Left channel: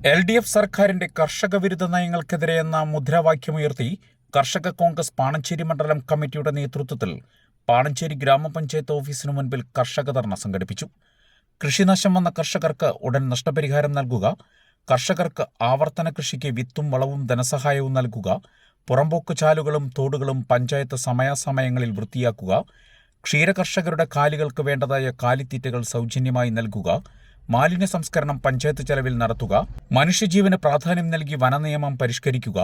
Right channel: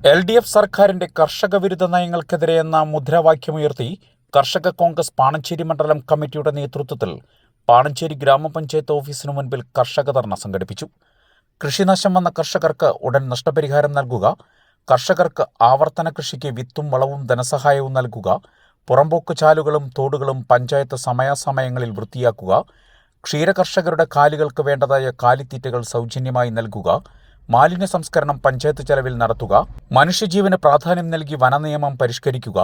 L D F സർക്കാരിന്റെ കർഷക വിരുദ്ധ നയങ്ങൾക്കെതിരെ എന്ന മുദ്രാവാക്യമുയർത്തി കർഷക കോൺഗ്രസ് പാണഞ്ചേരി മണ്ഡലം കമ്മിറ്റിയുടെ നേതൃത്വത്തിൽ പാണഞ്ചേരി ഗ്രാമപഞ്ചായത്ത് ഓഫീസിനു മുൻപിൽ കർഷക ധർണ സംഘടിപ്പിച്ചു. കൃഷിനാശം വന്ന കർഷകർക്ക് ഉടൻ നഷ്ടപരിഹാരം നൽകുക കർഷകർക്ക് ആവർത്തന കൃഷിക്ക് വിത്തും വളവും ധനസഹായവും നൽകുക പുറമ്പോക്ക് ചാലുകളും തോടുകളും പഞ്ചായത്ത് സമയാസമയങ്ങളിൽ വൃത്തിയാക്കുക ക്ഷീരകർഷകരുടെ കാലികൾക്ക് വേണ്ടതായ കാലിത്തീറ്റകൾ സൗജന്യമായി നൽകുക മാലിന്യ സംസ്കരണം പഞ്ചായത്ത് ചെലവിൽ നടത്തുക മനുഷ്യജീവന് പ്രാധാന്യം നൽകി വനനിയമം പരിഷ്കരിക്കുക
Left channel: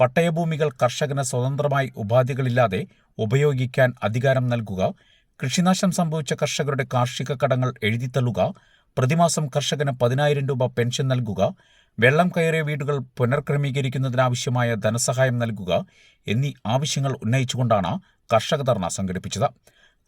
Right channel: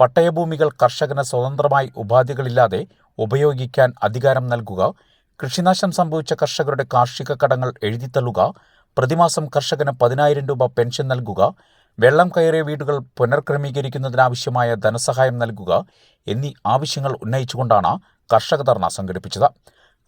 പട്ടയഭൂമികൾ കർഷകന് സ്വതന്ത്രമായി ഉപാധികളില്ലാതെ ഉപയോഗിക്കാൻ അധികാരം നൽകുക കൃഷിനാശം സംഭവിച്ച കർഷകരുടെ കാർഷിക കടങ്ങൾ എഴുതിത്തള്ളുക പ്രതിമാസം കർഷകന് പതിനായിരം രൂപ പെൻഷൻ നൽകുക വെള്ളം കയറിയ വീടുകൾ പുനർക്രമീകരിക്കുന്നതിനാവശ്യമായ ധനസഹായം നൽകുക എന്നീ ആവശ്യങ്ങൾ ഉന്നയിച്ചുകൊണ്ടാണ് കർഷക ധർണ സംഘടിപ്പിച്ചത്.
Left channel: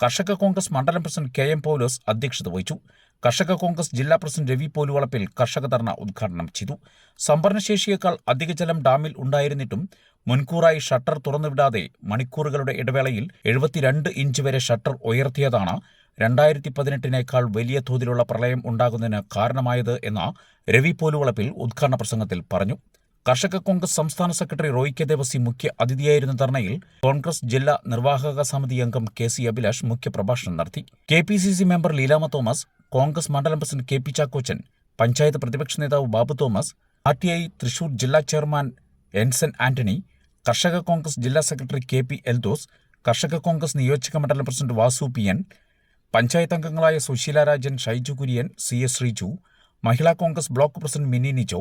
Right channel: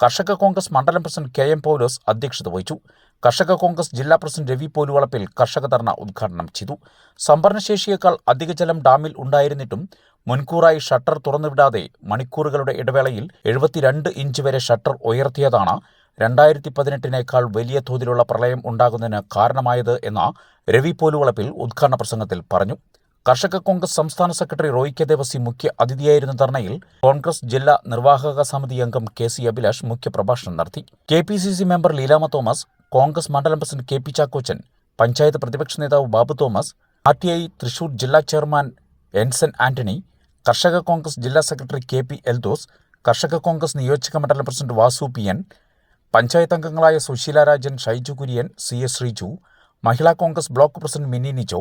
കർഷക കോൺഗ്രസ് മണ്ഡലം പ്രസിഡന്റ് കെ എം പൗലോസ് അധ്യക്ഷത വഹിച്ചു. കർഷക കോൺഗ്രസ് ജില്ലാ പ്രസിഡന്റ് രവി പോലുവളപ്പിൽ കർഷക ധർണ ഉദ്ഘാടനം ചെയ്തു. സംഭരണശേഷിയേക്കാൾ അധിക ജലം ഡാമിൽ ഉണ്ടായിരുന്നിട്ടും മുൻകൂറായി ഷട്ടർ തുറന്നുവിടാതെ മണിക്കൂറുകളുടെ ഇടവേളയിൽ എഴുപത്തിരണ്ട് ഇഞ്ച് വരെ ഷട്ടർ ഉയർത്തിയതാണ് രണ്ടായിരത്തി പതിനെട്ടിനേക്കാൾ വലിയ തോതിലുള്ള പ്രളയം ഉണ്ടാകുന്നതിന് കാരണമായത് എന്ന രവി പോലുവളപ്പിൽ ഉദ്ഘാടന പ്രസംഗത്തിൽ പറഞ്ഞു. കർഷക കോൺഗ്രസ് സംസ്ഥാന സെക്രട്ടറി റോയ് കെ ദേവസി മുഖ്യ അതിഥിയായിരുന്ന ധർണയിൽ കോൺഗ്രസ് ജില്ലാ നിർവാഹക സമിതി അംഗം കെ സി അഭിലാഷ് മുഖ്യപ്രഭാഷണം നടത്തി. K P C C member Leelama Thomas Congress മണ്ഡലം president K P Chackochan panchayat പ്രതിപക്ഷ നേതാവ് Babu Thomas R T I Thrissur ജില്ലാ ചെയർമാൻ എൻസൻ ആന്റണി കർഷക കോൺഗ്രസ് ജില്ലാ സെക്രട്ടറി കെ പി എൽദോസ് കർഷക കോൺഗ്രസ് നിയോജക മണ്ഡലം president Vasu P N panchayat അംഗങ്ങളായ Susheela Rajan Shaiju Kurian C S Sreeju Mahila Congress block president Mini Nijo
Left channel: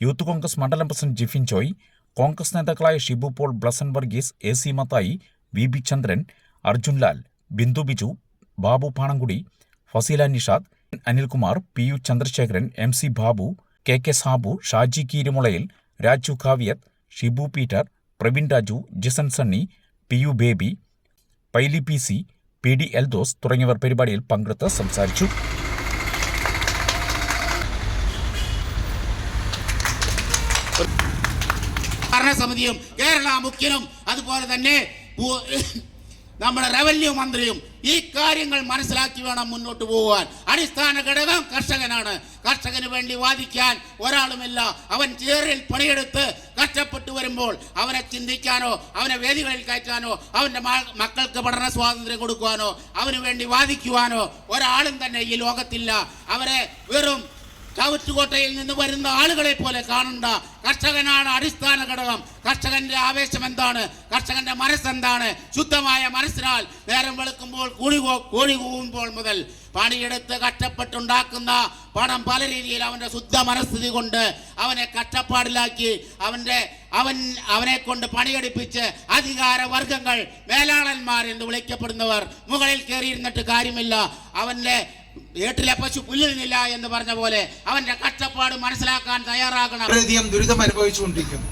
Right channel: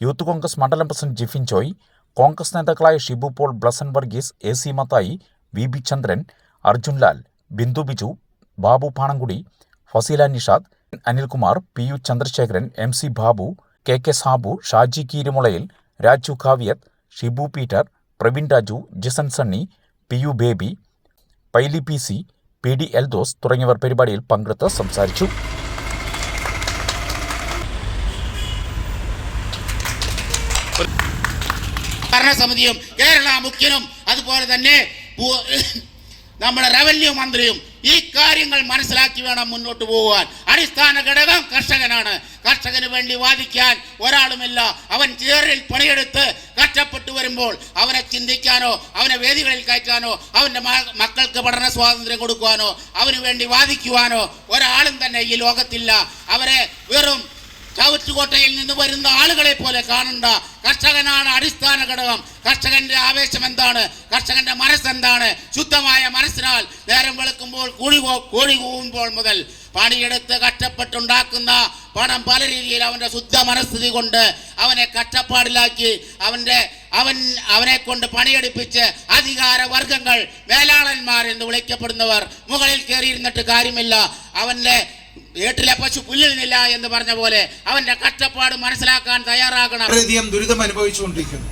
youth Congress മണ്ഡലം പ്രസിഡന്റ് ജിഫിൻ ജോയ് കോൺഗ്രസ് നേതാക്കളായ Shibu Paul Blessan Varghese A C Mathai V B Chandran Arjun Lal Bindu Biju Babu Panankudi Faseela Nishad Anilkumar P U Chandrasekharan M C Babu K K Sabu Shaji Keerimulayil Raju Kavyath Shibu Peter Praveen Raju Jisan Sunny P U Baby Paily P C P D Eldhose തുടങ്ങിയവർ പരിപാടിയിൽ പങ്കെടുത്ത് സംസാരിച്ചു. ഭരണസമിതിയും കേരള മുഖ്യനും അതുപോലെ തന്നെ നമ്മുടെ revenue മന്ത്രിയും ഈ കാര്യങ്ങൾ മനസ്സിലാക്കി വേണം മുന്നോട്ട് പോകാൻ. അടിസ്ഥാന ഘടകം കർഷകനാണ്. കർഷകന് വേണ്ടി വാദിക്കാൻ ഒരാളുമില്ല. അവൻ ചേറിൽ പണിയെടുത്ത് കഷ്ടപ്പെട്ടു വരുമ്പോൾ അവനെ ചിന്തിക്കാനോ അവനെ വേദികളിൽ കയറ്റാനോ അവന്റെ മക്കൾക്ക് പഠന സ്വാതന്ത്ര്യം കൊടുക്കുവാനോ അവന് വേണ്ടി വാദിക്കുവാനോ ഒരാളും തന്നെ ഈ ലോകത്തില്ല. അവരെ വെറും ചവിറ്റുകോട്ടയിൽ നിന്ന് വരുന്ന ആളുകളെ പോലെ കാണണ്ട. കർഷകനാണ് അടിസ്ഥാന ഘടകം. കർഷകന്റെ ആവേശം എന്താണ്? കർഷകന്റെ മനസ്സെന്താണ്? ശുദ്ധമായ കൂടി കൂടി കൂവുമ്പോൾ മുതൽ പണിയെടുത്ത് കഷ്ടപ്പെട്ടുണ്ടാക്കുന്ന പണം പല രീതിയിൽ അവന്റെ ശുദ്ധ മനസ്ഥിതി കൊണ്ട് അവനെ കഷ്ടപ്പാടിലാക്കി അവന്റെ അവൻ അവനെ കൊണ്ട് പണിയെടുപ്പിച്ച് അധികാര വർഗങ്ങൾ വേലാളന്മാർ എന്ന് വിളിക്കപ്പെടുന്നവർ മുകളിൽ കയറിയിരുന്നിട്ട് കാര്യമില്ല. അവന്റെ വീട്ടിലെ പശു പുല്ലിനില്ല എന്ന് പറഞ്ഞ പോലെ അവന്റെ കഷ്ടപ്പാട് മനസ്സിലാക്കാൻ തയ്യാറാകണം. ദുരിതം അനുഭവിച്ചുകൊണ്ടിരിക്കുന്നു.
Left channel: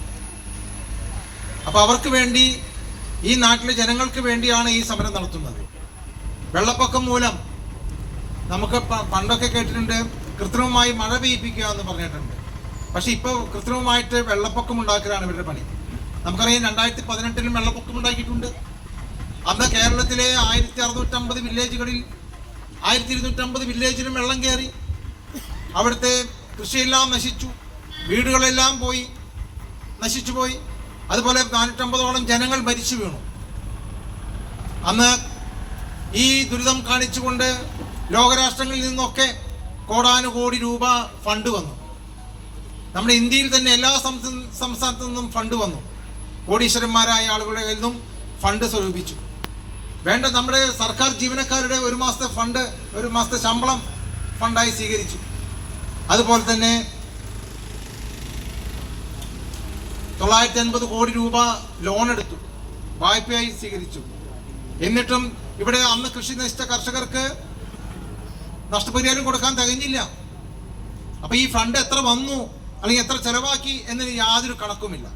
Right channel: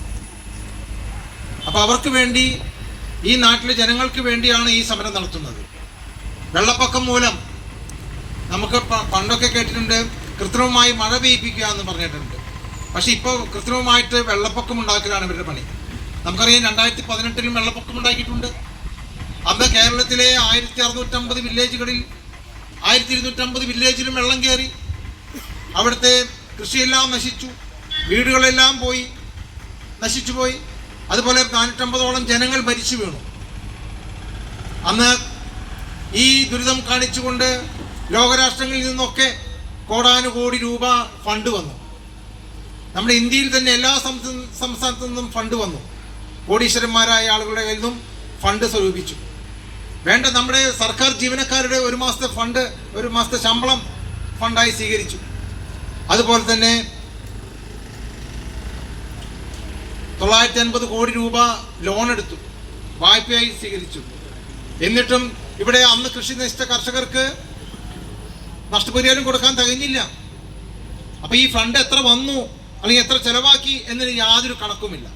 അപ്പൊ അവർക്ക് വേണ്ടി ഈ നാട്ടിലെ ജനങ്ങൾക്ക് വേണ്ടിയാണ് ഈ സമരം നടത്തുന്നത്. വെള്ളപ്പൊക്കം മൂലം നമുക്ക് പണ്ടൊക്കെ കേട്ടിട്ടുണ്ട് കൃത്രിമമായി മഴ പെയ്യിപ്പിക്കുക എന്ന് പറഞ്ഞിട്ടുണ്ട്. പക്ഷെ ഇപ്പോൾ കൃത്രിമമായിട്ട് വെള്ളപ്പൊക്കം ഉണ്ടാക്കലാണ് ഇവരുടെ പണി. നമുക്കറിയാം രണ്ടായിരത്തി പതിനെട്ടിലും വെള്ളപ്പൊക്കം ഉണ്ടാക്കിയിട്ടുണ്ട്. അന്ന് കേരളത്തിലെ ആയിരത്തി അറുന്നൂറ്റമ്പത് വില്ലേജുകളിൽ ആയിരത്തി ഇരുന്നൂറ്റമ്പത് വില്ലേജിലും വെള്ളം കയറി. അവിടുത്തെ കൃഷിയെല്ലാം നശിച്ചു. വീടുകളെല്ലാം പോയി. നശിച്ചു പോയി. അതുപോലെ നാനൂറ്റമ്പതോളം ജനങ്ങൾ മരിച്ചു വീണു. അന്ന് ഈ ദുരിതം കാണിച്ചുകൊണ്ട് ലോകരാഷ്ട്രങ്ങളിൽ നിന്നൊക്കെ കോടാനുകോടി രൂപ ഫണ്ട് വന്നു. നമ്മുടെ ഇന്ത്യയിൽ തന്നെ എല്ലാ സംസ്ഥാനത്തു നിന്നും ഫണ്ട് വന്നു. കോടീശ്വരന്മാരായ ആളുകളുടെ കയ്യിൽ നിന്നും ഫണ്ട് സ്വരൂപിച്ചു. വേണ്ട നമ്മുടെ സർക്കാർ ജീവനക്കാരുടെ ഒരു മാസത്തെ ഫണ്ട് ഒരു മാസത്തെ ശമ്പളം ഫണ്ടായി സ്വീകരിച്ചു. അതുപോലെ തന്നെ തൊള്ളായിരത്തി അൻപത് കോടി രൂപ ലോൺ എടുത്തു വായ്പയായി സ്വീകരിച്ചു. എന്നിട്ടും ഇവിടെ അന്ന് കൃഷി നശിച്ച കർഷകർക്ക് നഷ്ടപരിഹാരം കൊടുക്കാൻ തികഞ്ഞില്ല. അപ്പൊ ഈ ഫണ്ട് എത്ര വന്നു അല്ലെങ്കിൽ എത്ര ചെലവാക്കി എന്നതിന് യാതൊരു കണക്കുമില്ല.